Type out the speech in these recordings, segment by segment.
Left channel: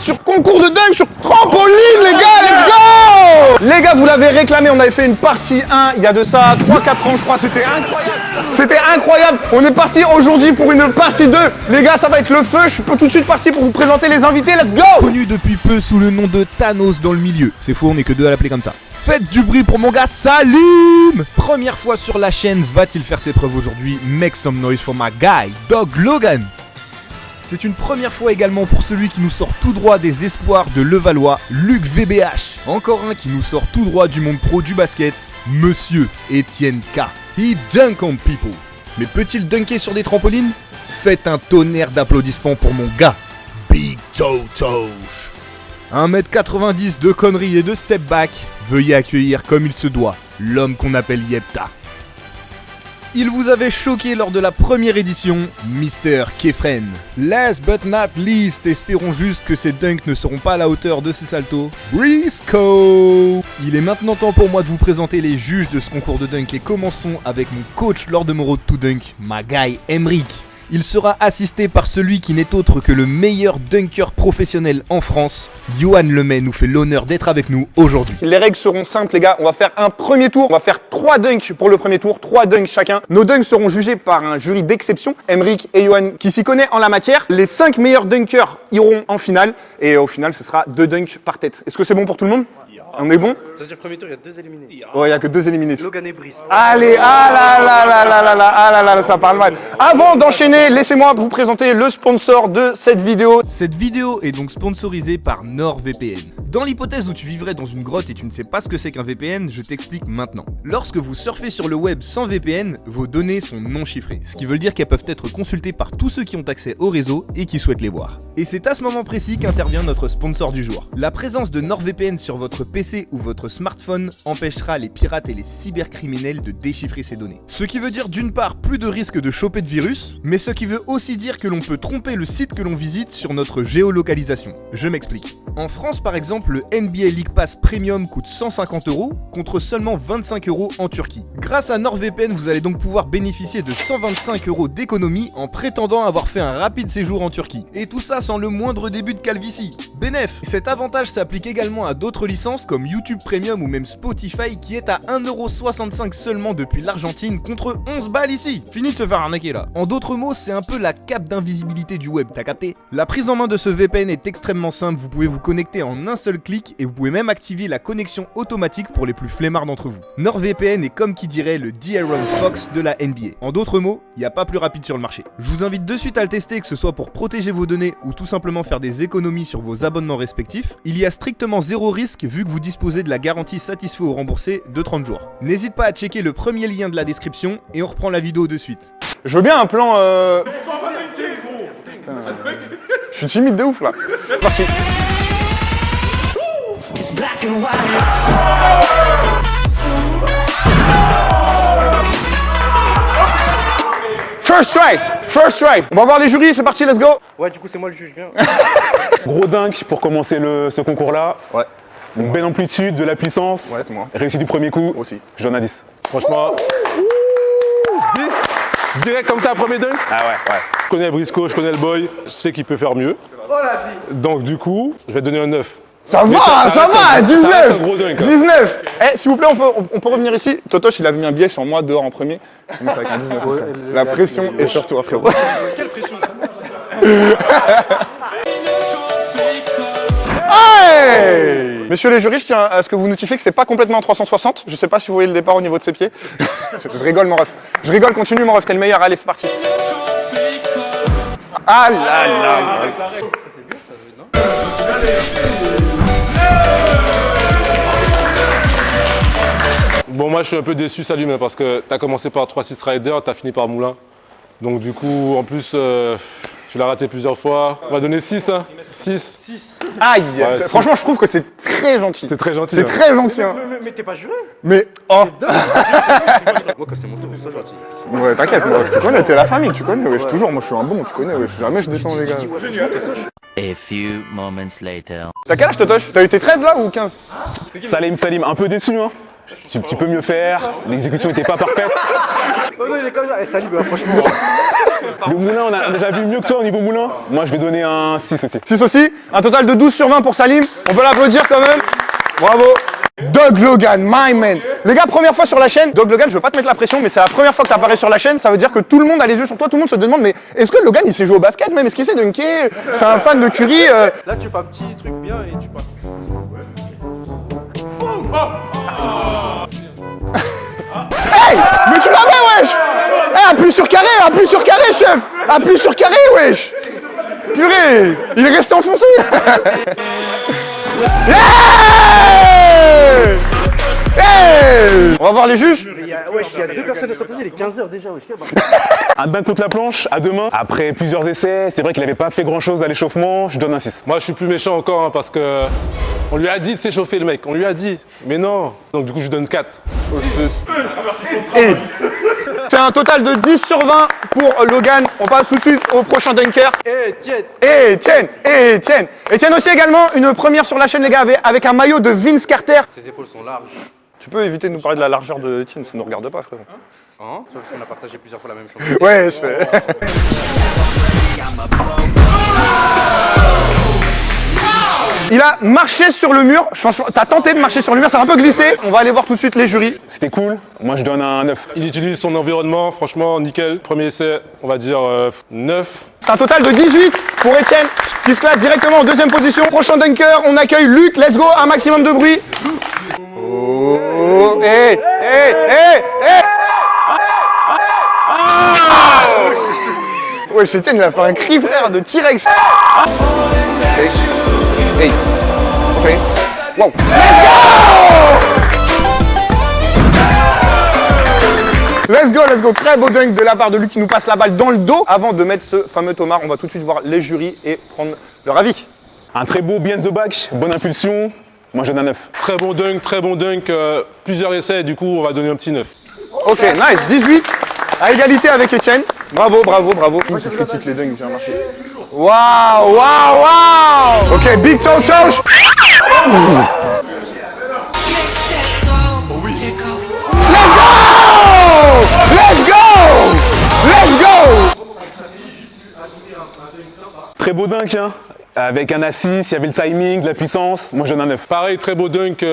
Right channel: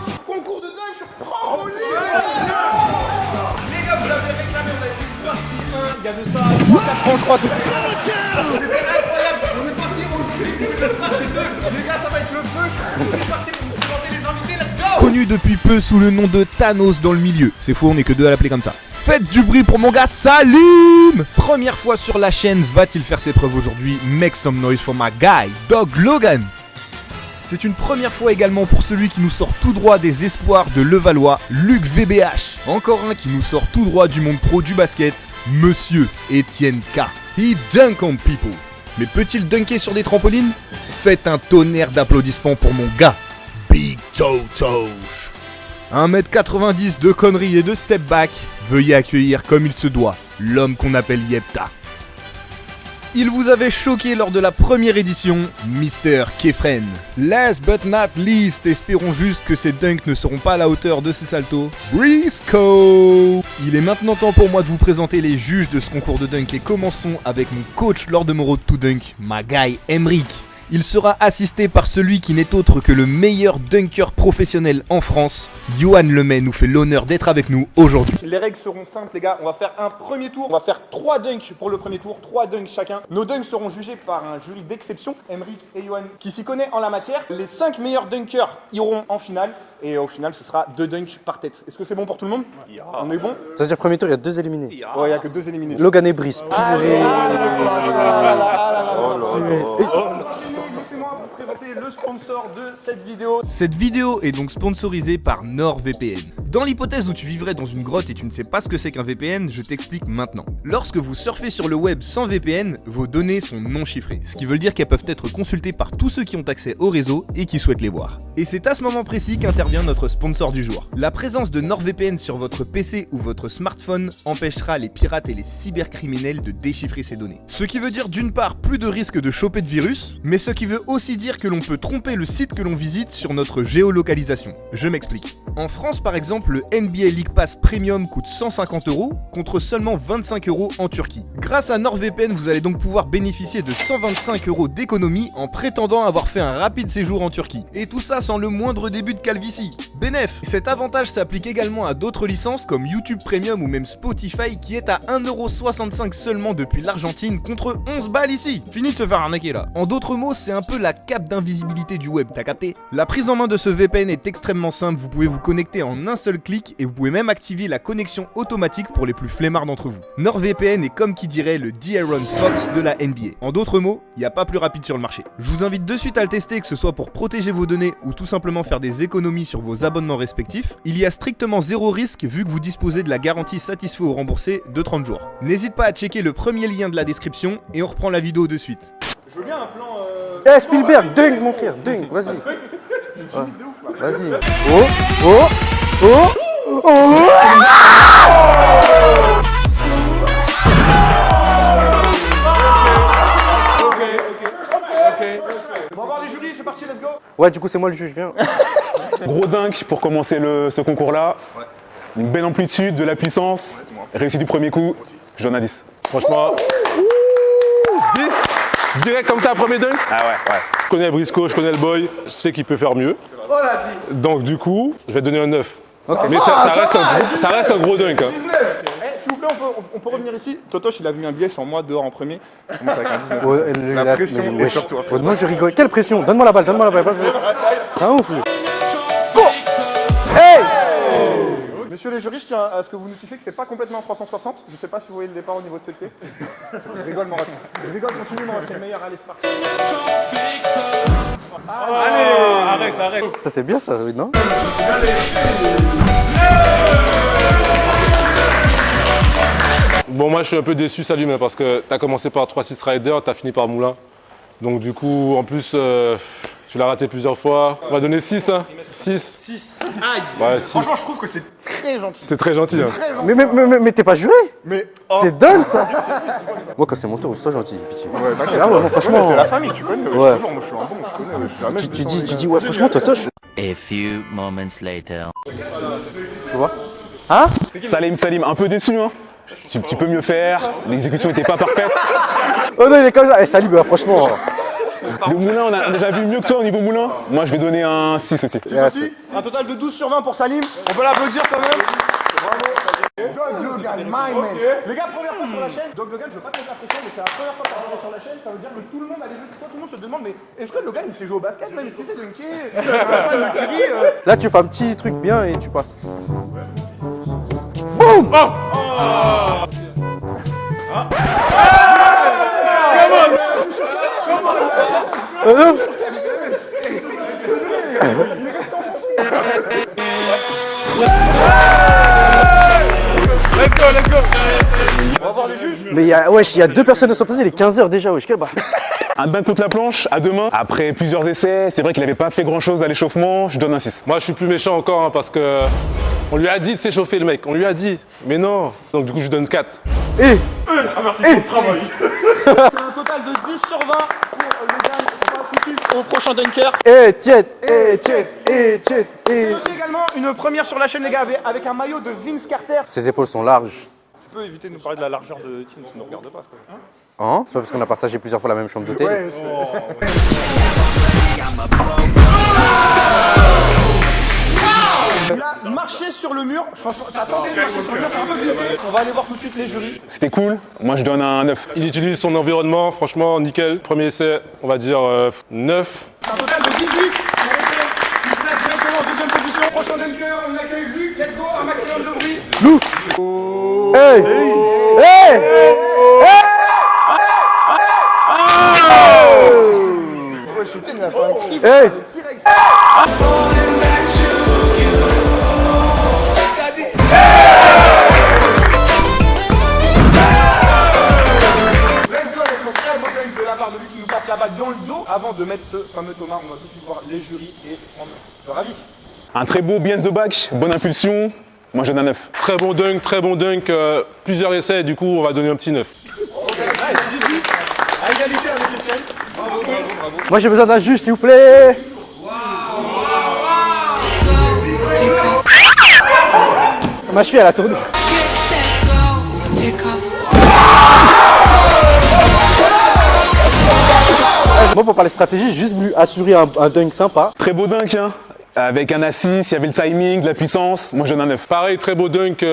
sur concours de dunk sur trampoline, les gars, let's go! Les gars, vous l'avez réclamé, on avait fait une partie 1 il y a de ça 3-4 ans, je crois, c'était incroyable. C'était incroyable. On est parti aujourd'hui pour une partie 2. Les gars, ça va être le feu. Je suis tout de suite parti pour vous présenter les invités, let's go! Connu depuis peu sous le nom de Thanos dans le milieu. C'est faux, on est que deux à l'appeler comme ça. Faites du bruit pour mon gars Salim! Première fois sur la chaîne, va-t-il faire ses preuves aujourd'hui? Make some noise for my guy, Dog Logan! C'est une première fois également pour celui qui nous sort tout droit des espoirs de Levallois, Luc VBH. Encore un qui nous sort tout droit du monde pro du basket, Monsieur Etienne K. He dunk on people. Mais peut-il dunker sur des trampolines? Faites un tonnerre d'applaudissements pour mon gars, Big Toto. 1m90 de conneries et de step back, veuillez accueillir comme il se doit, l'homme qu'on appelle Yepta. Il vous avait choqué lors de la première édition, Mr. Kefren. Last but not least, espérons juste que ces dunks ne seront pas à la hauteur de ces saltos, Briscoe. Il est maintenant temps pour moi de vous présenter les juges de ce concours de dunk et commençons avec mon coach lors de mon road to dunk, my guy Emric. Il sera assisté par celui qui n'est autre que le meilleur dunker professionnel en France. Johan Lemay nous fait l'honneur d'être avec nous aujourd'hui. Les règles seront simples, les gars. On va faire un premier tour. On va faire 3 dunks pour le premier tour, 3 dunks chacun. Nos dunks seront jugés par un jury d'exception, Emric et Johan, qui s'y connaît en la matière. Les 5 meilleurs dunkers iront en finale. Et au final, ce sera 2 dunks par tête. Est-ce que c'est bon pour tout le monde? On est bon? Ça veut dire premier tour, il y a 2 éliminés. Ouais, il n'y a que 2 éliminés. Logan et Brice. Allez, ça parle mal. Avant d'enchaîner, laissez-moi vous présenter le sponsor de cette vidéo. Cette vidéo est donc sponsorisée par NordVPN. Dans l'hypothèse où tu vivrais dans une grotte et tu ne sais pas ce que c'est qu'un VPN, je t'explique maintenant. Lorsque vous surfez sur le web sans VPN, vos données sont non chiffrées, ce qui veut dire qu'elles peuvent être consultées par tous ceux qui ont accès au réseau et qui souhaitent les voir. Et c'est à ce moment précis qu'intervient notre sponsor du jour. La présence de NordVPN sur votre PC ou votre smartphone empêchera les pirates et les cybercriminels de déchiffrer ces données. Ce qui veut dire d'une part plus de risque de choper de virus, mais ce qui veut aussi dire que l'on peut tromper le site que l'on visite sur notre géolocalisation. Je m'explique. En France par exemple, le NBA League Pass Premium coûte 150 € contre seulement 25 € en Turquie. Grâce à NordVPN, vous allez donc pouvoir bénéficier de 125 € d'économie en prétendant avoir fait un rapide séjour en Turquie. Et tout ça sans le moindre début de calvitie. Bénef! Cet avantage s'applique également à d'autres licences comme YouTube Premium ou même Spotify qui est à 1,65 € seulement depuis l'Argentine contre 11 balles ici. Fini de se faire arnaquer là. En d'autres mots, c'est un peu la cape d'invisibilité du web, t'as capté? La prise en main de ce VPN est extrêmement simple, vous pouvez vous connecter en un seul clic et vous pouvez même activer la connexion automatique pour les plus flemmards d'entre vous. NordVPN est comme qui dirait le De'Aaron Fox de la NBA. En d'autres mots, il n'y a pas plus rapide sur le marché. Je vous invite de suite à le tester, que ce soit pour protéger vos données ou tout simplement faire des économies sur vos abonnements respectifs. Il y a strictement zéro risque vu que vous disposez de la garantie satisfait ou remboursé de 30 jours. N'hésite pas à checker le premier lien de la description et on reprend la vidéo de suite. Je veux bien un plan. Eh, Spielberg, dunk mon frère, dunk, vas-y. Je suis timide de ouf là. Vas-y. First strike. On va voir les jurys, c'est parti, let's go. Ouais, du coup, c'est moi le juge, viens. Gros dunk pour commencer ce concours-là. Ouais. Une belle amplitude, de la puissance. Ouais, c'est moi. Réussi du premier coup. Aussi. Je donne un 10. Franchement. 10. Direct comme ça, premier dunk. Ah ouais. Je connais Briscoe, je connais le boy. Je sais qu'il peut faire mieux. Oh la dit. Donc du coup, je vais te donner un 9. Ça Mais va, ça reste 19. ça reste un gros dunk. Hein. 19. Eh, s'il vous plaît, on peut revenir ici. Totoche, il a mis un billet sur moi dehors en premier. Donc c'est avec un 19. Ouais, la pression est sur toi, frère. Moi, j'ai rigolé. Quelle pression? Donne-moi la balle, donne-moi la balle. C'est un ouf, lui. Hey! Messieurs les jurys, je tiens à ce que vous notifiez que c'est pas complètement en 360. Je sais pas si vous voyez le départ au niveau de ses pieds. Je rigole, mon ref. Je rigole, continue, mon ref, t'es le meilleur. Allez, c'est parti. Ah là là. Ça, c'est bien, ça, non? Bon, moi je suis un peu déçu, Salim, parce que t'as commencé par 3-6 Rider, t'as fini par Moulin. Donc du coup, en plus, tu l'as raté plusieurs fois. On va donner 6, hein. 6. Aïe. Ouais, franchement, je trouve que c'est très gentil. C'est très gentil. C'est hein. très gentil. Mais t'es pas juré? Mais C'est dingue, ça. Moi, quand c'est mon tour, sois gentil. ouais, t'inquiète, tu connais, t'es la famille, tu connais. Ouais. Toujours, moi je suis un bon, tu connais. Jamais je Tu descends les gars. dis, ouais, franchement, Totoche. A few moments later. T'as quel âge, Totoche? T'as été 13 là ou 15? Hein? Salim, un peu déçu, hein. Tu peux mieux faire, l'exécution n'était pas parfaite. Oh non, il est comme ça. Eh, salut, bah, franchement. Le moulin, on a déjà vu mieux que toi au niveau moulin. Moi, je vais donner un 6 aussi. 6 aussi. Un total de 12 sur 20 pour Salim. On peut l'applaudir quand même. Bravo. Doug Logan, my man. Les gars, première fois sur la chaîne. Doug Logan, je veux pas te mettre la pression, mais c'est la première fois que tu apparais sur la chaîne. Ça veut dire que tout le monde a les yeux sur toi. Tout le monde se demande, mais est-ce que Logan, il sait jouer au basket même? Est-ce qu'il sait dunker? C'est un fan de Curry. Là, tu fais un petit truc bien et tu passes. Boum. Hey, mais tu l'avais, wesh. Appuie sur carré, chef. Appuie sur carré, wesh. Purée, il est resté enfoncé. On va voir les juges. Mais il y a 2 personnes à sont passées, il est 15h déjà, wesh. Un dunk contre la planche, à 2 mains. Après plusieurs essais, c'est vrai qu'il avait pas fait grand chose à l'échauffement, je donne un 6. Moi, je suis plus méchant encore hein, parce que on lui a dit de s'échauffer, le mec. On lui a dit. Mais non. Donc, du coup, je donne 4. C'est un total de 10 sur 20 pour Logan. On passe tout de suite au prochain dunker. Etienne. Etienne aussi également, une première sur la chaîne, les gars, avec un maillot de Vince Carter. Ses épaules sont larges. Tu peux éviter de nous parler de la largeur de Etienne, ça ne nous regarde pas, frère. Hein? C'est pas parce qu'on a partagé plusieurs fois la même chambre. Ouais, je sais. Il a marché sur le mur. Franchement, t'as tenté de marcher sur le mur, ça a un peu glissé. On va aller voir tout de suite les jurys. C'était cool, moi je donne un 9. Il utilise son environnement, franchement, nickel. Premier essai, on va dire 9. C'est un total de 18 pour Etienne, qui se place directement en deuxième position. Prochain dunker, on accueille Luc. Let's go, un maximum de bruit. Luc. Ouais, Etienne, il a fait un cri, frère, de T-Rex. Wow. Let's go, très beau dunk de la part de Luc qui nous passe la balle dans le dos. Avant de mettre ce fameux Thomas, on va tout de suite voir les jurys et prendre leur avis. Un très beau behind the back, bonne impulsion, moi je donne un 9. Très bon dunk, plusieurs essais, du coup, on va donner un petit 9. Ok, nice, 18, à égalité avec Etienne. Bravo. Moi j'ai besoin d'un juge s'il vous plaît. Waouh. Ok, big toe touch. Ma cheville elle a tourné. Let's go. Moi pour parler stratégie, j'ai juste voulu assurer un dunk sympa. Très beau dunk hein, avec un assist, il y avait le timing, de la puissance, moi je donne un 9. Pareil, très beau dunk,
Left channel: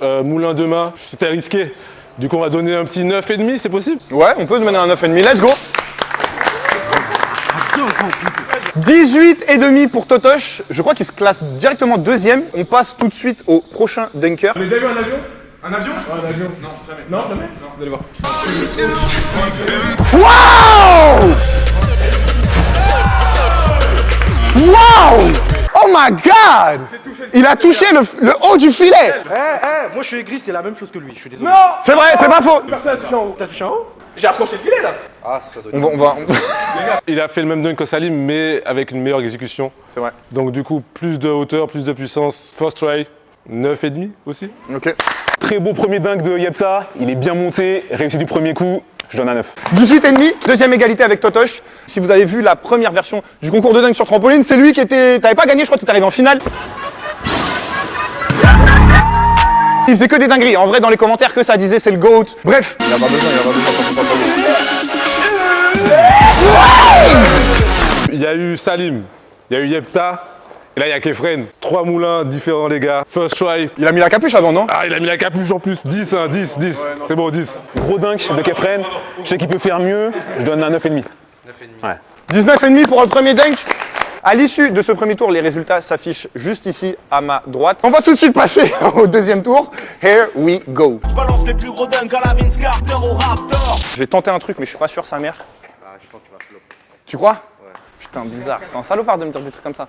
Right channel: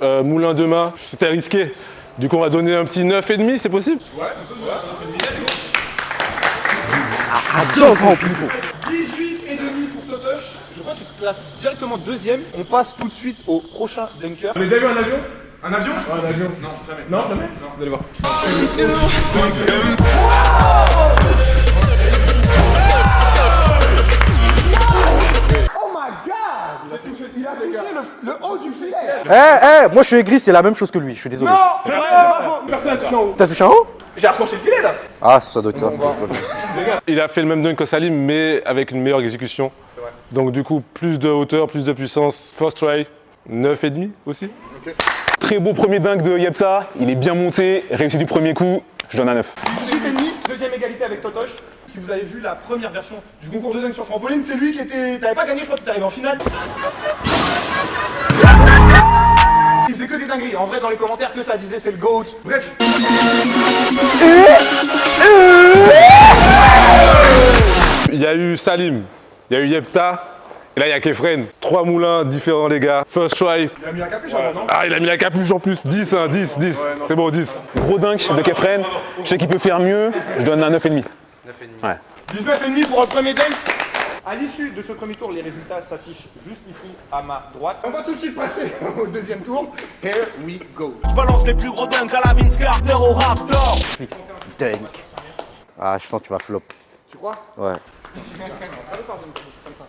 moulin de main, c'était risqué. Du coup, on va donner un petit 9,5, c'est possible? Ouais, on peut demander un 9,5, let's go. 18,5 pour Totoche. Je crois qu'il se classe directement deuxième. On passe tout de suite au prochain dunker. Vous avez déjà vu un avion? Un avion? Un avion? Non, jamais. Non, jamais? Non, vous allez voir. Wow! Oh my god! Il a touché le haut du filet! Moi je suis aigri, c'est la même chose que lui, je suis désolé. Non! C'est vrai, c'est pas faux! Personne n'a touché en haut. T'as touché en haut? J'ai approché le filet là! Ah ça doit être ça. Il a fait le même dunk que Salim, mais avec une meilleure exécution. C'est vrai. Donc, du coup, plus de hauteur, plus de puissance. First try, 9,5 aussi. Ok. Très beau premier dunk de Yepta, il est bien monté, réussi du premier coup, je donne un 9. 18,5, deuxième égalité avec Totoche. Si vous avez vu la première version du concours de dunk sur trampoline, c'est lui qui était. T'avais pas gagné, je crois que t'es arrivé en finale. Il faisait que des dingueries. En vrai, dans les commentaires, que ça disait c'est le GOAT. Bref. Il y a eu Salim, il y a eu Yepta, et là il y a Kefren. 3 moulins différents les gars. First try. Il a mis la capuche avant, non? Ah, il a mis la capuche en plus. 10, hein, 10. C'est bon, 10. Gros dunk de Kefren, je sais qu'il peut faire mieux, je donne un 9,5. 19,5 pour le premier dunk. À l'issue de ce premier tour, les résultats s'affichent juste ici à ma droite. On va tout de suite passer au deuxième tour. Here we go. Je balance les plus gros dunks à la Vince Carter au Raptor. Je vais tenter un truc, mais je suis pas sûr, sa mère. Ah je sens que tu vas flop. Tu crois? Ouais. Putain, bizarre. C'est un salopard de me dire des trucs comme ça.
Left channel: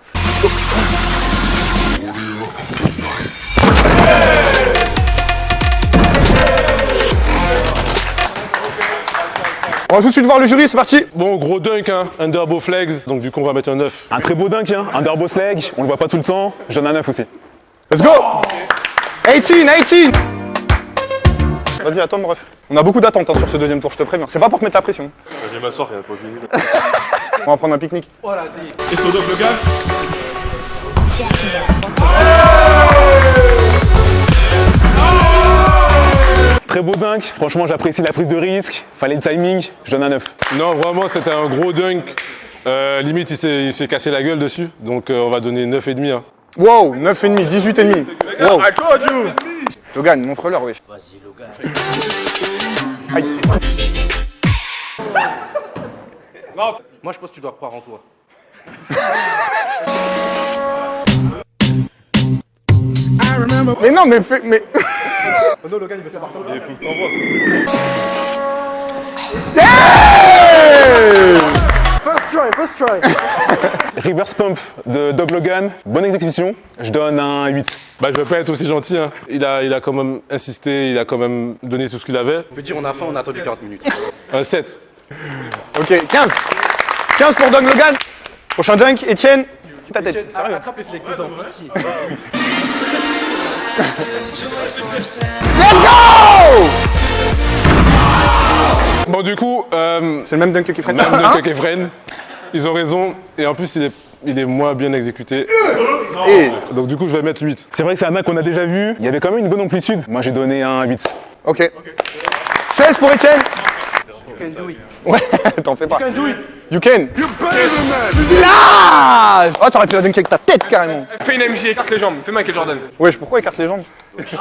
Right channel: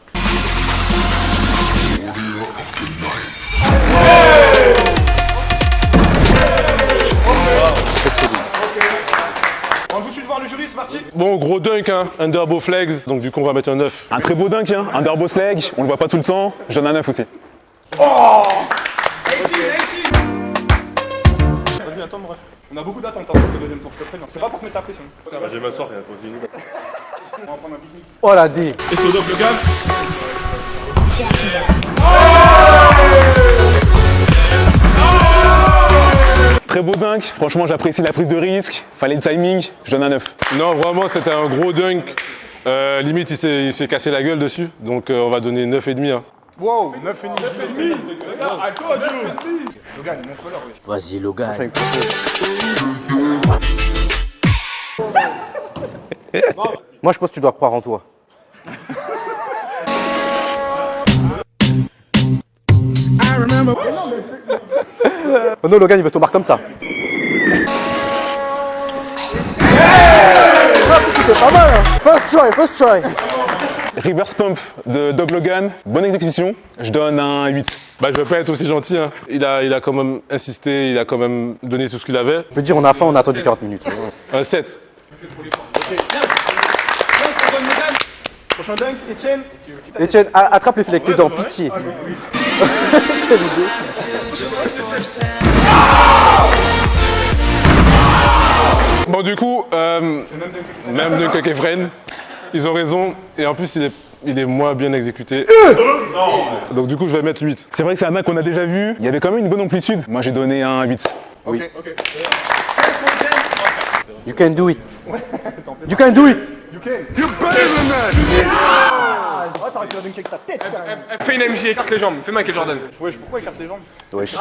On va tout de suite voir le jury, c'est parti. Bon, gros dunk, hein. Underbow flex. Donc, du coup, on va mettre un 9. Un très beau dunk, hein, un Underbow leg, on le voit pas tout le temps, je donne un 9 aussi. Let's go. 18. Vas-y, attends, bref. On a beaucoup d'attentes hein, sur ce deuxième tour, je te préviens. C'est pas pour te mettre la pression. Je vais m'asseoir, il n'y a pas fini. On va prendre un pique-nique. Oh la D. Et sur le gars? Très beau dunk, franchement j'apprécie la prise de risque, fallait le timing, je donne un 9. Non, vraiment, c'était un gros dunk. Limite, il s'est cassé la gueule dessus. Donc, on va donner 9,5. Hein. Wow, 9,5, 18,5. Wow. Logan, montre-leur, wesh. Vas-y, Logan. Moi, je pense que tu dois croire en toi. Mais non, mais fais. Mais... Oh non, Logan, il veut te marquer comme ça. First try. Reverse pump de Dog Logan, bonne exécution, je donne un 8. Bah, je vais pas être aussi gentil. Hein. Il a quand même insisté, il a quand même donné tout ce qu'il avait. Je veux dire, on a faim, on a attendu 40 minutes. Un 7. Ok, 15. 15 pour Doug Logan. Prochain dunk, Etienne. Etienne, attrape les filets avec tes dents, pitié. Bon, du coup, C'est le même dunk que Kefren. même de Kefren, ils ont raison. Et en plus, il est moins bien exécuté. Donc, du coup, je vais mettre 8. C'est vrai que c'est un dunk qu'on a déjà vu, il y avait quand même une bonne amplitude, moi j'ai donné un 8. Ok. 16 pour Etienne. You can do it. Ouais, t'en fais pas. You can do it. You can. You better than that. Ah oh, t'aurais pu la dunker avec ta tête carrément. Fais une MJ, écarte les jambes. Fais Michael Jordan. Wesh, pourquoi écarte les jambes? Wesh.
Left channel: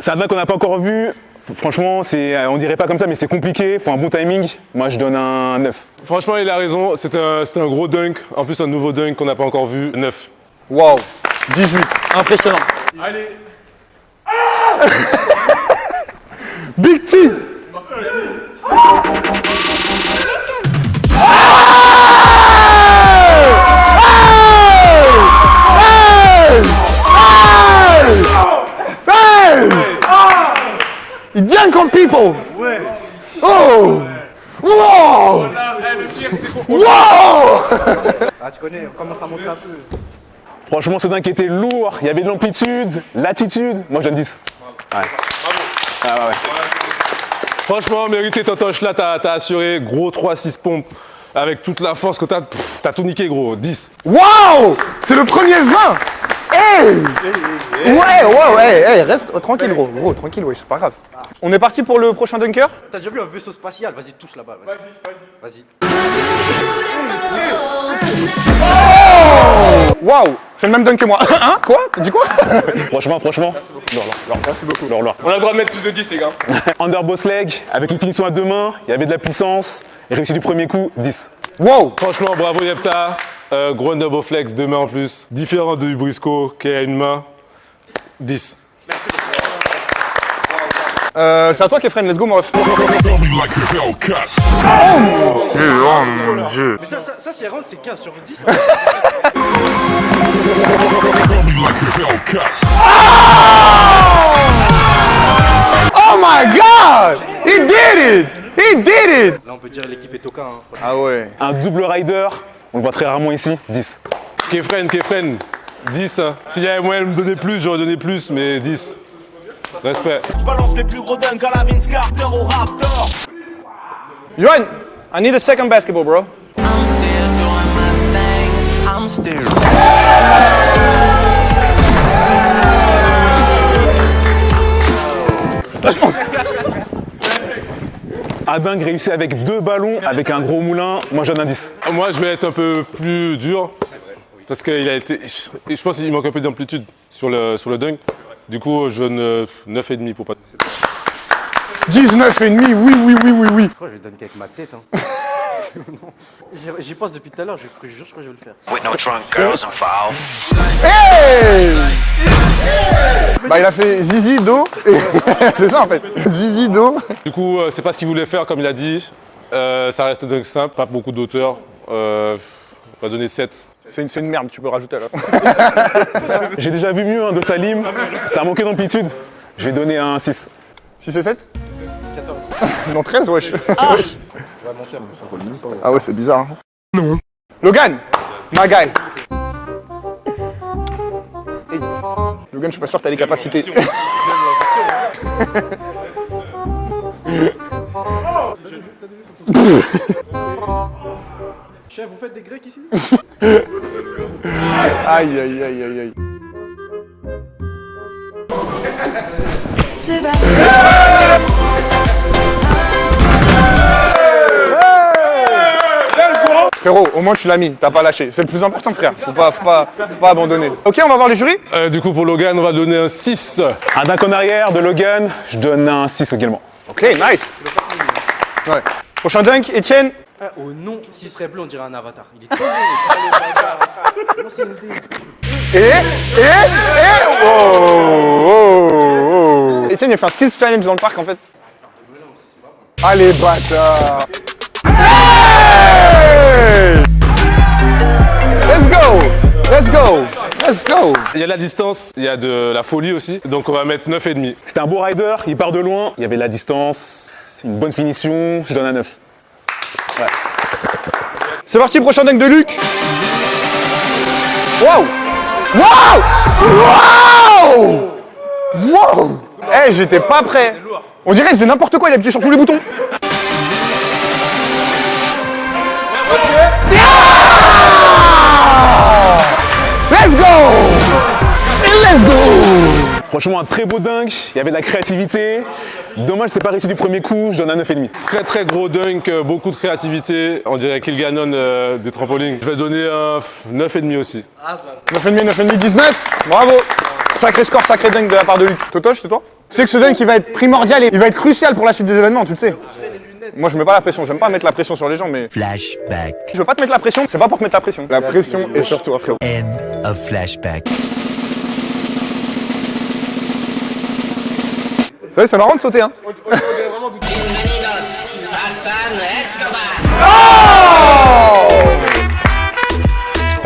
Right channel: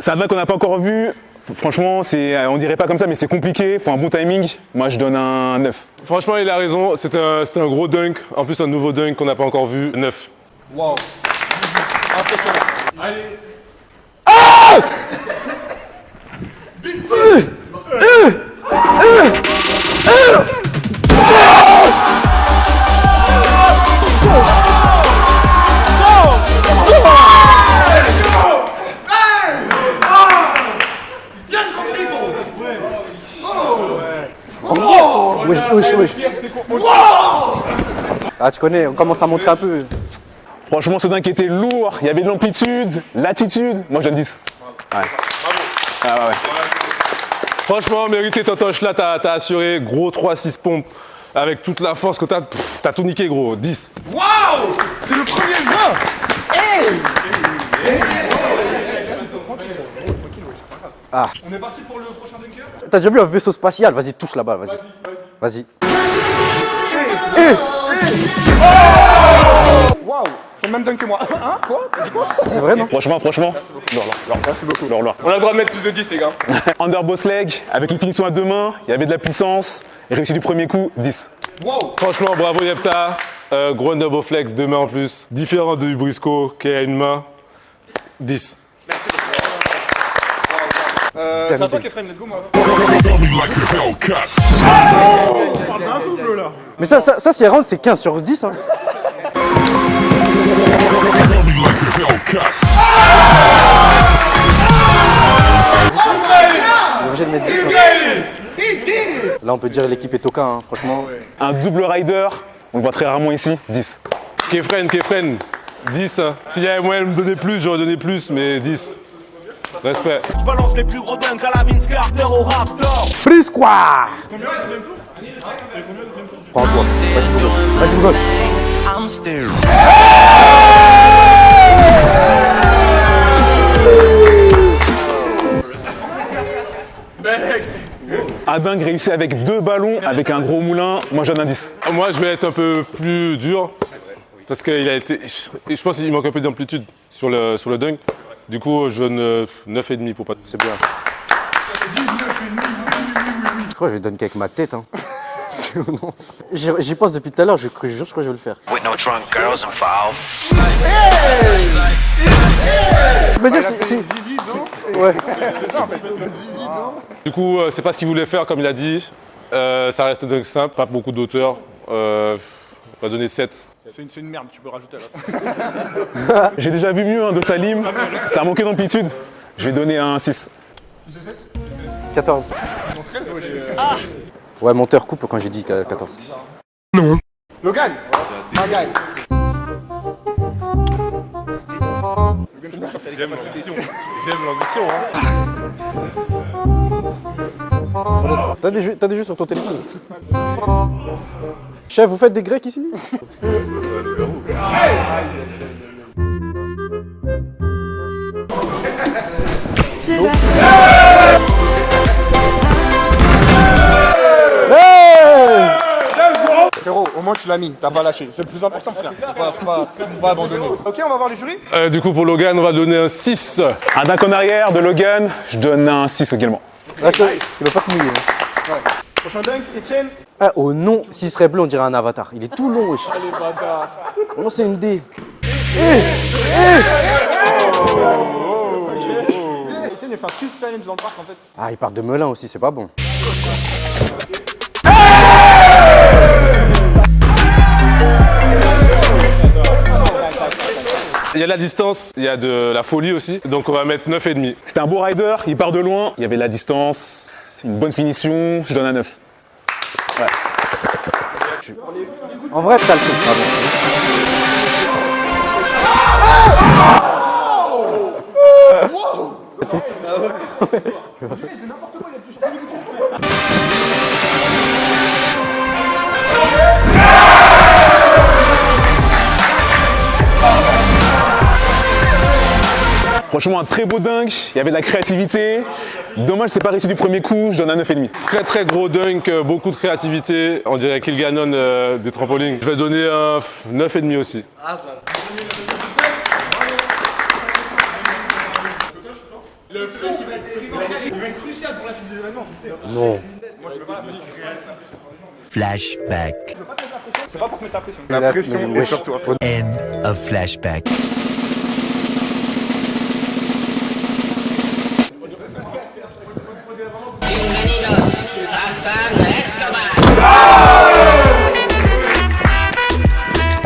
C'est un dunk qu'on n'a pas encore vu, franchement on dirait pas comme ça mais c'est compliqué, faut un bon timing, moi je donne un 9. Franchement, il a raison. C'était un gros dunk. En plus, un nouveau dunk qu'on n'a pas encore vu. 9. Wow. 18. Impressionnant. Allez. Big T. Il dunk on people. Oh. Oh. Wesh. Ah, tu connais, on commence à montrer un peu. Franchement ce dunk était lourd, il y avait de l'amplitude, l'attitude, moi je donne 10. Ouais. Ah ouais. Franchement, mérité Totoche là, t'as assuré. Gros 3-6 pompes. Avec toute la force que t'as tout niqué, gros. 10. Waouh. C'est le premier 20. Hey. Ouais. Hey, reste tranquille, gros. Gros, tranquille, ouais, c'est pas grave. Ah. On est parti pour le prochain dunker. T'as déjà vu un vaisseau spatial? Vas-y, touche là-bas, vas-y. Vas-y. Waouh. C'est le même dunk que moi. Hein? Quoi? T'as dit quoi? C'est vrai, non? Franchement. Merci beaucoup. On a le droit de mettre plus de 10, les gars. Under boss leg, avec une finition à deux mains, il y avait de la puissance, réussi du premier coup, 10. Wow. Franchement, bravo Yepta. Gros double flex, 2 mains en plus. Différent de Briscoe qui a une main. 10. C'est à toi, Kefren. Let's go, mon ref. Mais ça c'est round, c'est 15 sur 10. Hein. Oh my God! He did it! He did it! Là, on peut dire l'équipe est toquin, hein, franchement. Ah ouais. Un double rider, on le voit très rarement ici, 10. Kefren, 10. Hein. S'il y avait moyen de me donner plus, j'aurais donné plus, mais 10. Respect. Je balance les plus gros dunks à la Vince Carter au Raptor. Free squad! Yohan, I need a second basketball, bro. I'm still doing my thing. I'm still. Un dingue réussi avec 2 ballons, avec un gros moulin, moi je donne un 10. Moi, je vais être un peu plus dur. Parce qu'il a été. Je pense qu'il manque un peu d'amplitude sur le dunk. Du coup, je donne 9,5 pour pas. C'est bien. 19,5, oui. Je crois que je vais dunker avec ma tête. Hein. J'y pense depuis tout à l'heure, je crois que je vais le faire. With no drunk girls involved. Bah, il a fait zizi, do. C'est ça en fait. Zizi, do. Du coup, c'est pas ce qu'il voulait faire, comme il a dit. Ça reste dunk simple, pas beaucoup d'auteur. On va donner 7. C'est une merde, tu peux rajouter à la fin. J'ai déjà vu mieux de Salim, ça a manqué d'amplitude. Je vais donner un 6. 6 et 7? 14. Non, 13, wesh. Ouais, monteur coupe quand j'ai dit. Ah ouais, c'est bizarre. Non. Logan, my guy. Logan, je suis pas sûr que t'as les capacités. T'as des jeux sur ton téléphone. Chef, vous faites des grecs ici? Aïe, aïe, aïe, aïe, aïe. Frérot, au moins tu l'as mis, t'as pas lâché. C'est le plus important, frère. Faut pas abandonner. Ok, on va voir les jurys. Du coup, pour Logan, on va donner un 6. Un dunk en arrière de Logan, je donne un 6 également. Ok, nice. Il va pas se mouiller. Ouais. Prochain dunk, Etienne. Ah, oh non, s'il serait bleu, on dirait un avatar. Il est tout long, wesh. Non, c'est une dé. Etienne, il a fait un skills challenge dans le parc en fait. Ah, il part de Melun aussi, c'est pas bon. Allez, bâtard. Let's go. Let's go. Let's go. Il y a de la distance, il y a de la folie aussi. Donc on va mettre 9,5. C'était un beau rider, il part de loin, il y avait de la distance, une bonne finition, je donne un 9. C'est parti, prochain dunk de Luc. En vrai, ça le Waouh. Wow. Eh, j'étais pas prêt. On dirait qu'il faisait n'importe quoi, il a appuyé sur tous les boutons. Let's go. Let's go. Franchement, un très beau dunk, il y avait de la créativité. Dommage, c'est pas réussi du premier coup, je donne un 9,5. Très très gros dunk, beaucoup de créativité. On dirait qu'il Gannon des trampolines. Je vais donner un 9,5 aussi. 9,5, 19. Bravo. Sacré score, sacré dunk de la part de Luc. Totoche, c'est toi? Tu sais que ce dunk, il va être primordial et il va être crucial pour la suite des événements, tu le sais. Non. Moi, je mets pas la pression. J'aime pas mettre la pression sur les gens, mais... Flashback. Je veux pas te mettre la pression, c'est pas pour te mettre la pression. La pression est sur toi. End of flashback. Vous savez, c'est marrant de sauter, hein.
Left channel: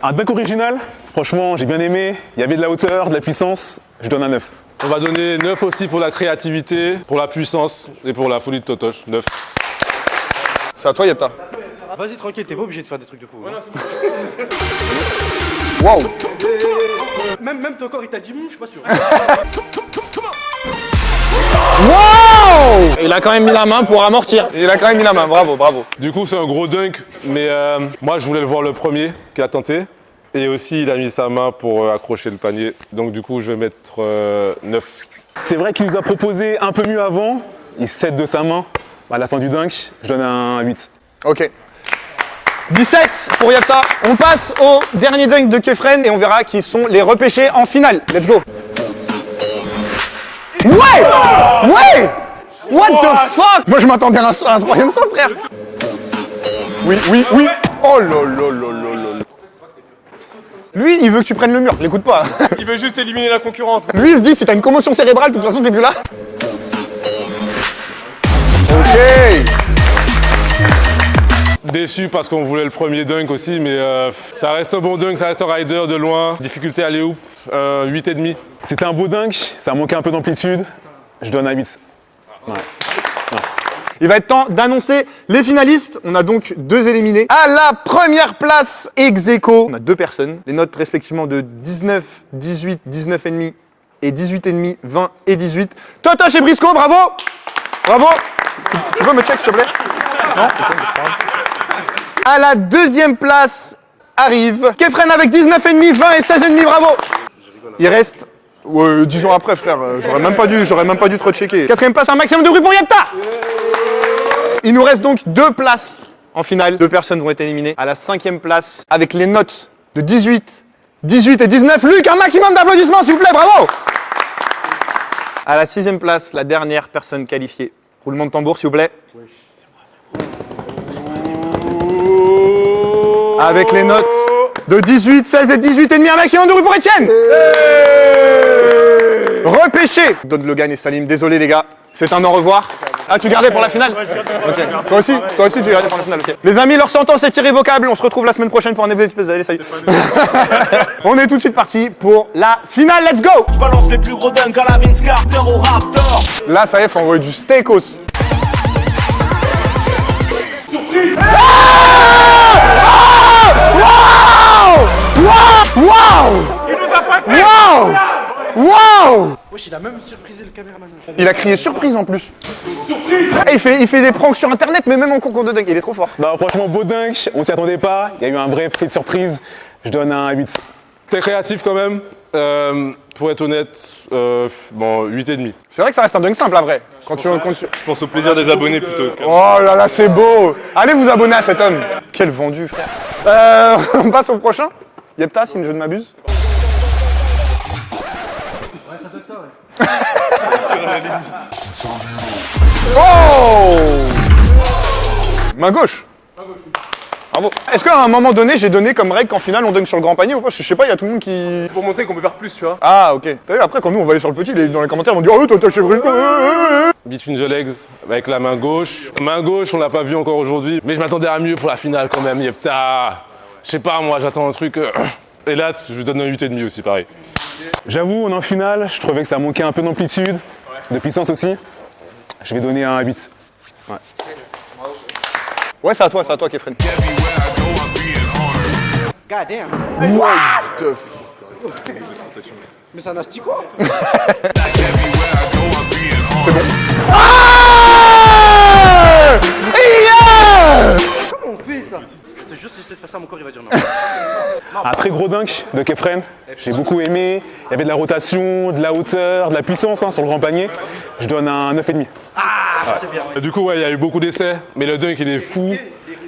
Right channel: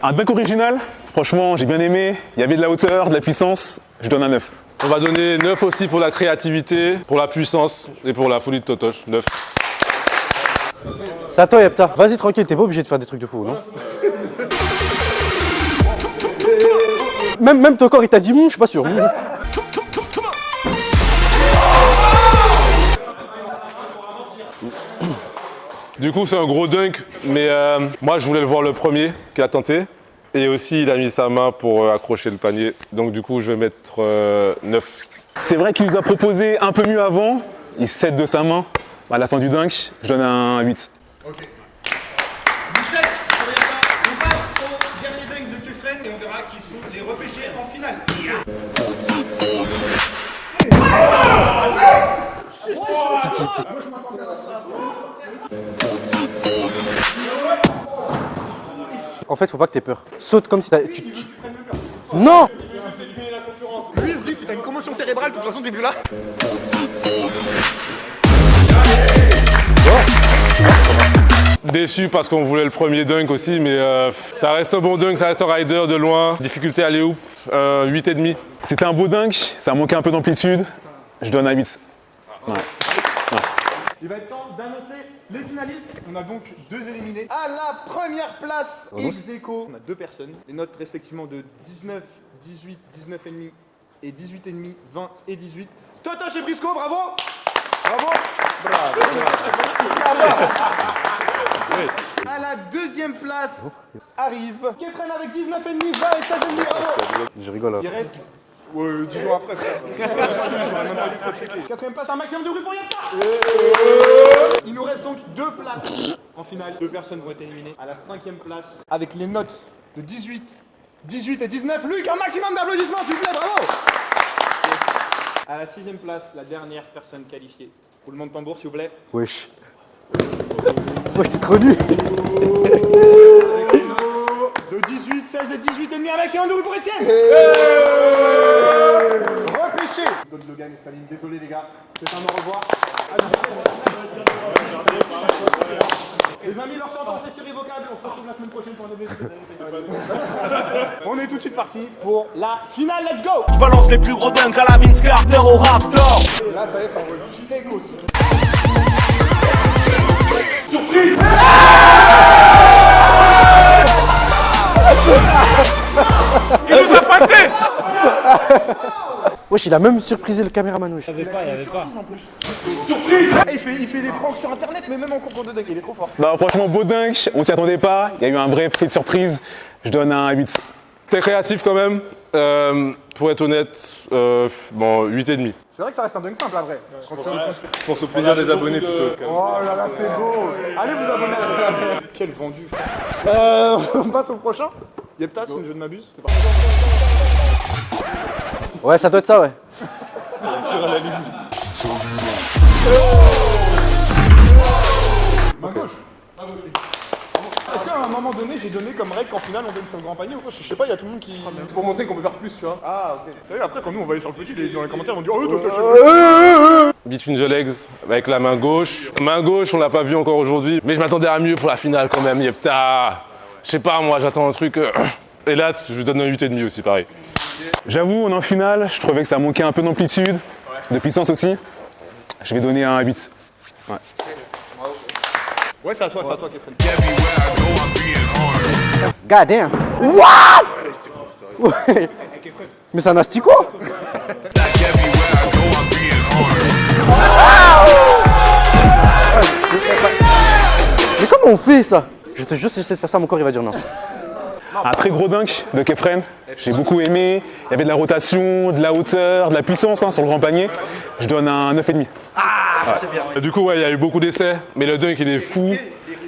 Un dunk original, franchement, j'ai bien aimé. Il y avait de la hauteur, de la puissance, je donne un 9. On va donner 9 aussi pour la créativité, pour la puissance et pour la folie de Totoche. 9. C'est à toi, Yepta. C'est à toi, Yepta. Vas-y, tranquille, t'es pas obligé de faire des trucs de fou, non? Waouh. Même ton corps, il t'a dit, je suis pas sûr. Il a quand même mis la main pour amortir. Il a quand même mis la main, bravo, bravo. Du coup, c'est un gros dunk, mais moi, je voulais le voir le premier qui a tenté. Et aussi, il a mis sa main pour accrocher le panier. Donc, du coup, je vais mettre 9. C'est vrai qu'il nous a proposé un peu mieux avant. Il cède de sa main. À la fin du dunk, je donne un 8. Ok. 17 pour Yepta. On passe au dernier dunk de Kefren et on verra qui sont les repêchés en finale. Let's go. Ouais. What the fuck? Moi, je m'attendais à un troisième saut, frère. Oui. Oh là. En fait, faut pas que t'aies peur. Saute comme si t'avais... Lui, il veut que tu prennes le mur. L'écoute pas. Non. Il veut juste éliminer la concurrence. Lui, il se dit, si t'as une commotion cérébrale, de toute façon, t'es plus là. Déçu parce qu'on voulait le premier dunk aussi, mais ça reste un bon dunk, ça reste un rider de loin. Difficulté à aller-hoop, 8,5. C'était un beau dunk, ça manquait un peu d'amplitude. Je donne un 8. Ouais. Il va être temps d'annoncer les finalistes. On a donc 2 éliminés. À la première place, ex aequo, on a 2 personnes. Les notes respectivement de 19, 18, 19,5 et 18,5, 20 et 18. Totoche et Briscoe, bravo. Bravo. Tu peux me check, s'il te plaît? Non. À la deuxième place arrive Kefren avec 19,5, 20 et 16,5, bravo. Il reste... Ouais, 10 jours après, frère, j'aurais même pas dû te rechecker. Quatrième place, un maximum de bruit pour Yepta. Il nous reste donc 2 places en finale. 2 personnes vont être éliminées. À la 5e place, avec les notes de 18, 18 et 19, Luc, un maximum d'applaudissements, s'il vous plaît, bravo. À la 6e place, la dernière personne qualifiée. Roulement de tambour, s'il vous plaît. Wesh. Wesh, t'es trop nul. Avec les notes de 18, 16 et 18,5, un maximum de bruit pour Etienne. Repêché. Donne Logan et Salim, désolé les gars, c'est un au revoir. Ah, tu gardais pour la finale? Okay. Toi aussi tu gardais pour la finale, ok. Les amis, leur sentence est irrévocable, on se retrouve la semaine prochaine pour un épisode. Allez, salut. On est tout de suite parti pour la finale, let's go. Je balance les plus gros dunks à la Vince Carter au Raptor. Là, ça y est, faut envoyer du steakos. Surprise. Wow! Il nous a pas fait. Wow! Wesh, il a même surprisé le caméraman, wesh. Il a crié surprise en plus. Surprise. Il fait des pranks sur internet, mais même en concours de dunk, il est trop fort. Non, franchement, beau dunk, on s'y attendait pas. Il y a eu un vrai prix de surprise. Je donne un 8. T'es créatif quand même. Pour être honnête, bon, 8,5. C'est vrai que ça reste un dunk simple après. Quand tu... Je pense au plaisir des abonnés plutôt que... Oh là là, c'est beau. Allez vous abonner à cet homme. Quel vendu, frère. On passe au prochain. Yepta, si je ne m'abuse. Ouais, ça doit être ça, ouais. Oh, main gauche. Bravo. Est-ce qu'à un moment donné, j'ai donné comme règle qu'en finale, on dunk sur le grand panier ou pas? Je sais pas, il y a tout le monde qui... C'est pour montrer qu'on peut faire plus, tu vois. Ah, ok. T'as vu, après, quand nous, on va aller sur le petit, dans les commentaires, ils vont dire « Oh, toi, t'as cheveux !» Between the legs avec la main gauche. Main gauche, on l'a pas vu encore aujourd'hui. Mais je m'attendais à mieux pour la finale quand même, Yepta. Je sais pas, moi, j'attends un truc... Et là, je lui donne un 8,5 aussi, pareil. J'avoue, on est en finale, je trouvais que ça manquait un peu d'amplitude, de puissance aussi. Je vais donner un 8. Ouais. Ouais, c'est à toi, Kefren. God damn. What? Mais c'est un asticot. Mais comment on fait ça? Je te jure, si j'essaie de faire ça, mon corps il va dire non. Un très gros dunk de Kefren, j'ai beaucoup aimé. Il y avait de la rotation, de la hauteur, de la puissance sur le grand panier. Je donne un 9,5. Du coup, ouais, il y a eu beaucoup d'essais, mais le dunk, il est fou.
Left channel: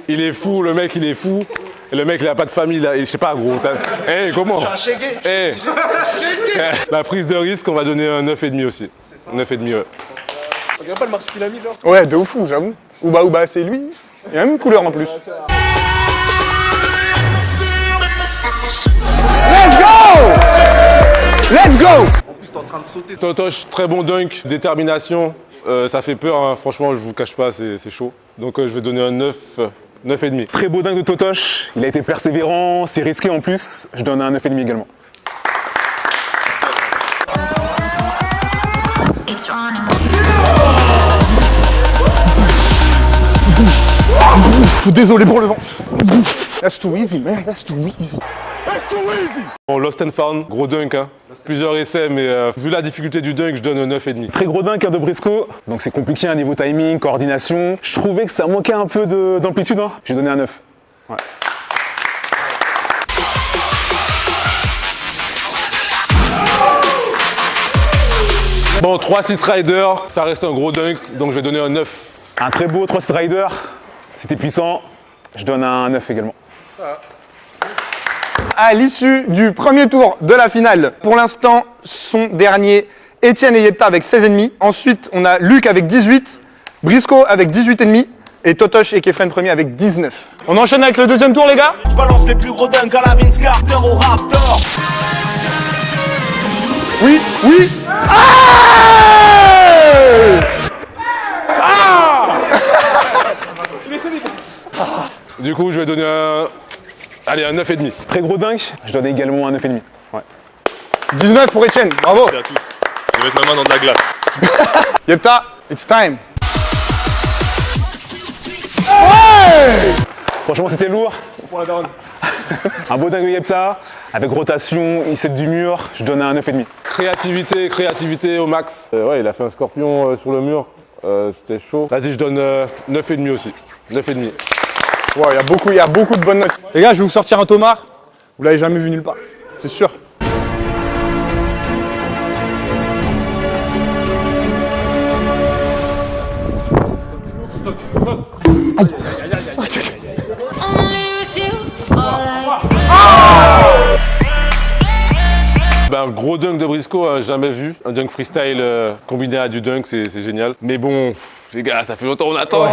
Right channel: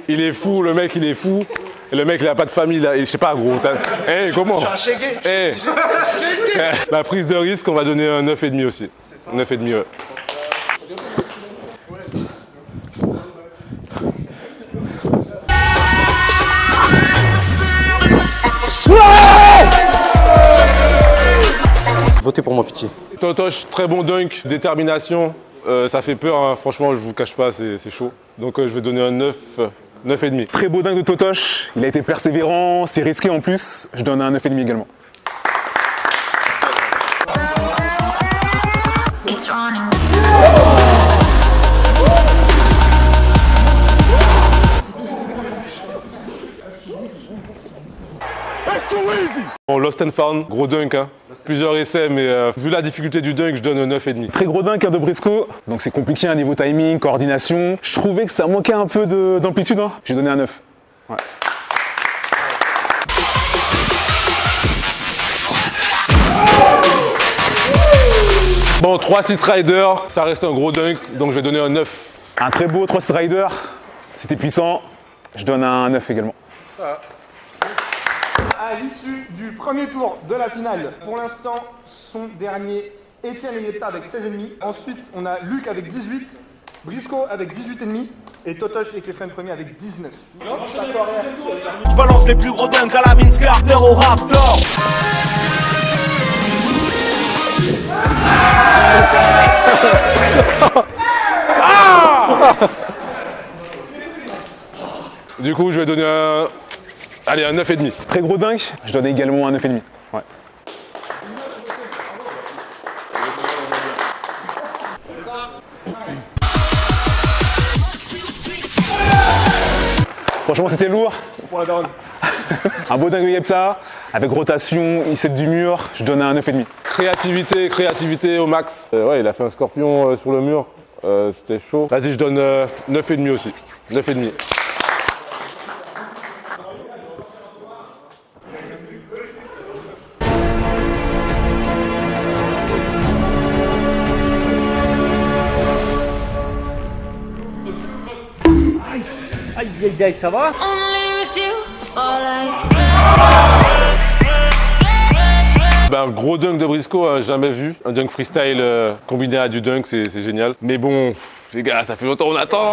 Il est fou, le mec, il est fou. Et le mec, il a pas de famille, là. Je sais pas, gros. Hey, comment? Hey. La prise de risque, on va donner un 9,5 aussi. 9,5, ouais. Regarde pas le marque qu'il a mis, là. Ouais, de ouf, j'avoue. Ouba, c'est lui. Il y a même une couleur en plus. Let's go! Votez pour mon petit. Totoche, très bon dunk, détermination. Ça fait peur, hein. Franchement, je vous cache pas, c'est chaud. Donc je vais donner un 9, 9,5. Très beau dunk de Totoche, il a été persévérant, c'est risqué en plus. Je donne un 9,5 également. Désolé pour le vent. That's too easy, man. That's too easy. Bon, Lost and Found, gros dunk, hein. Plusieurs essais, mais vu la difficulté du dunk, je donne un 9,5. Très gros dunk de Briscoe, donc c'est compliqué à niveau timing, coordination. Je trouvais que ça manquait un peu d'amplitude, hein. J'ai donné un 9. Ouais. Bon, 3-6 Rider, ça reste un gros dunk, donc je vais donner un 9. Un très beau 3-6 Rider, c'était puissant. Je donne un 9 également. À l'issue du premier tour de la finale, pour l'instant, sont derniers Etienne et Yepta avec 16,5. Ensuite, on a Luc avec 18, Briscoe avec 18,5 et Totoche et Kefren premier avec 19. On enchaîne avec le deuxième tour, les gars? Je balance les plus gros dunks à la Vince Carter au Raptor. Oui. Du coup, je vais donner un... Allez, un 9,5. Très gros dunk, je donne également un 9,5. Ouais. 19 pour Etienne, bravo. Je vais mettre ma main dans de la glace. Yepta, it's time. Franchement, c'était lourd. Pour la daronne. Un beau dunk de Yepta, avec rotation, il sait du mur, je donne un 9,5. Créativité au max. Ouais, il a fait un scorpion sur le mur. C'était chaud. Vas-y, je donne 9,5 aussi. 9,5. Wow, il y a beaucoup de bonnes notes. Les gars, je vais vous sortir un tomard. Vous l'avez jamais vu nulle part, c'est sûr. Ben, gros dunk de Briscoe, jamais vu. Un dunk freestyle combiné à du dunk, c'est génial. Mais bon, les gars, ça fait longtemps qu'on attend.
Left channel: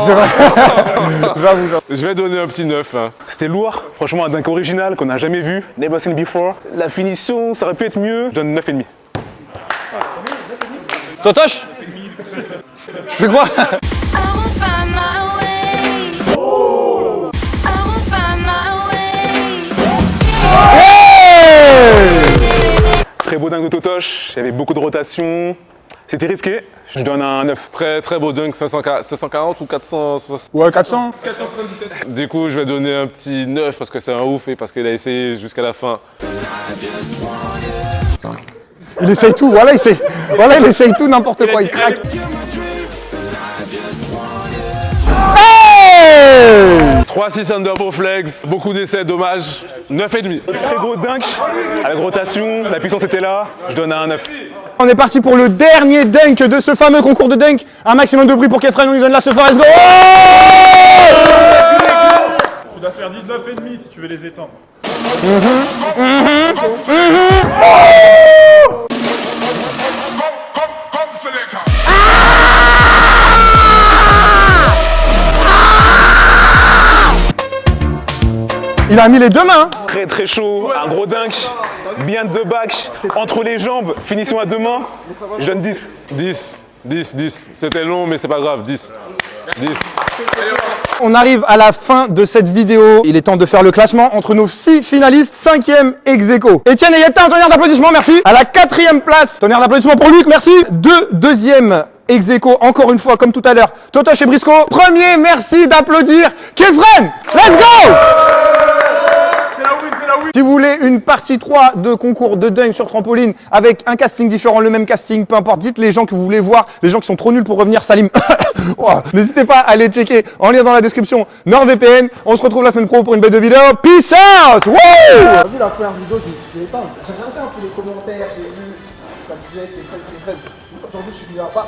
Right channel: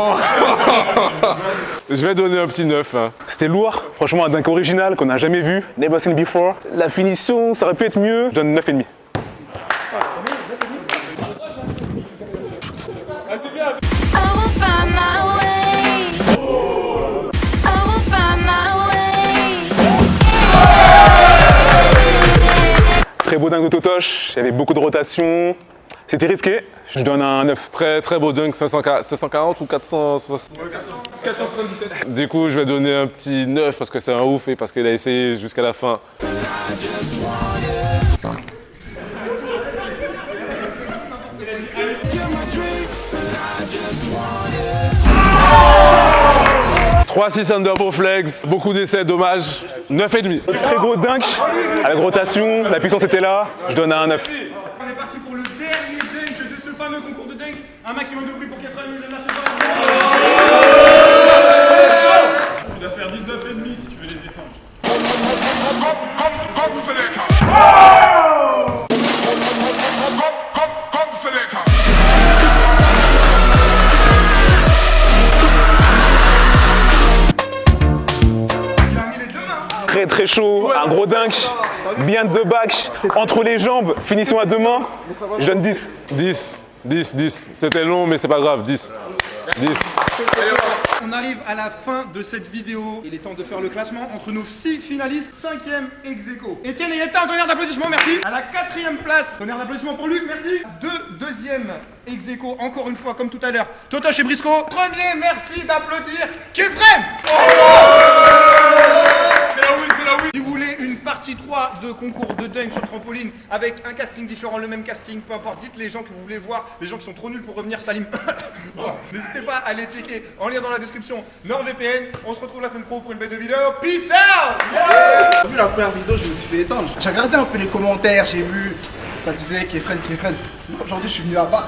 Je vais donner un petit 9. Hein. C'était lourd, franchement un dunk original qu'on n'a jamais vu, never seen before. La finition, ça aurait pu être mieux, je donne 9,5. Totoche, je fais quoi? Très beau dunk de Totoche, il y avait beaucoup de rotation, c'était risqué, je donne un 9. Très beau dunk, 540 ou 460. Ouais, 400. 477. Du coup, je vais donner un petit 9 parce que c'est un ouf et parce qu'il a essayé jusqu'à la fin. Il essaye tout, voilà, il essaye tout, n'importe quoi, il craque. Hey 3-6 underbow flex, beaucoup d'essais, dommage. 9,5. Très gros dunk, avec rotation, la puissance était là, je donne un 9. On est parti pour le dernier dunk de ce fameux concours de dunk. Un maximum de bruit pour Kefren, on lui donne la ce let's go. Tu dois faire 19,5 si tu veux les étendre. Il a mis les deux mains. Très très chaud, un gros dunk, behind the back, entre les jambes, finition à deux mains, je donne 10. 10. C'était long, mais c'est pas grave, 10. On arrive à la fin de cette vidéo. Il est temps de faire le classement entre nos 6 finalistes, 5e ex-aequo. Etienne et Yetta, un tonnerre d'applaudissements, merci. À la 4e place, tonnerre d'applaudissements pour Luc, merci. Deuxième ex-aequo, encore une fois, comme tout à l'heure, Totoche et Brisco. Premier, merci d'applaudir Kefren. Let's go! Si vous voulez une partie 3 de concours de dunk sur trampoline avec un casting différent, le même casting, peu importe, dites les gens que vous voulez voir, les gens qui sont trop nuls pour revenir, Salim. Oh, n'hésitez pas à aller checker en lien dans la description NordVPN. On se retrouve la semaine pro pour une belle vidéo. Peace out! Wow! T'as vu la première vidéo, je me suis fait éteindre. J'ai regardé un peu les commentaires, j'ai vu, ça disait Kefren. Aujourd'hui, je suis venu là-bas.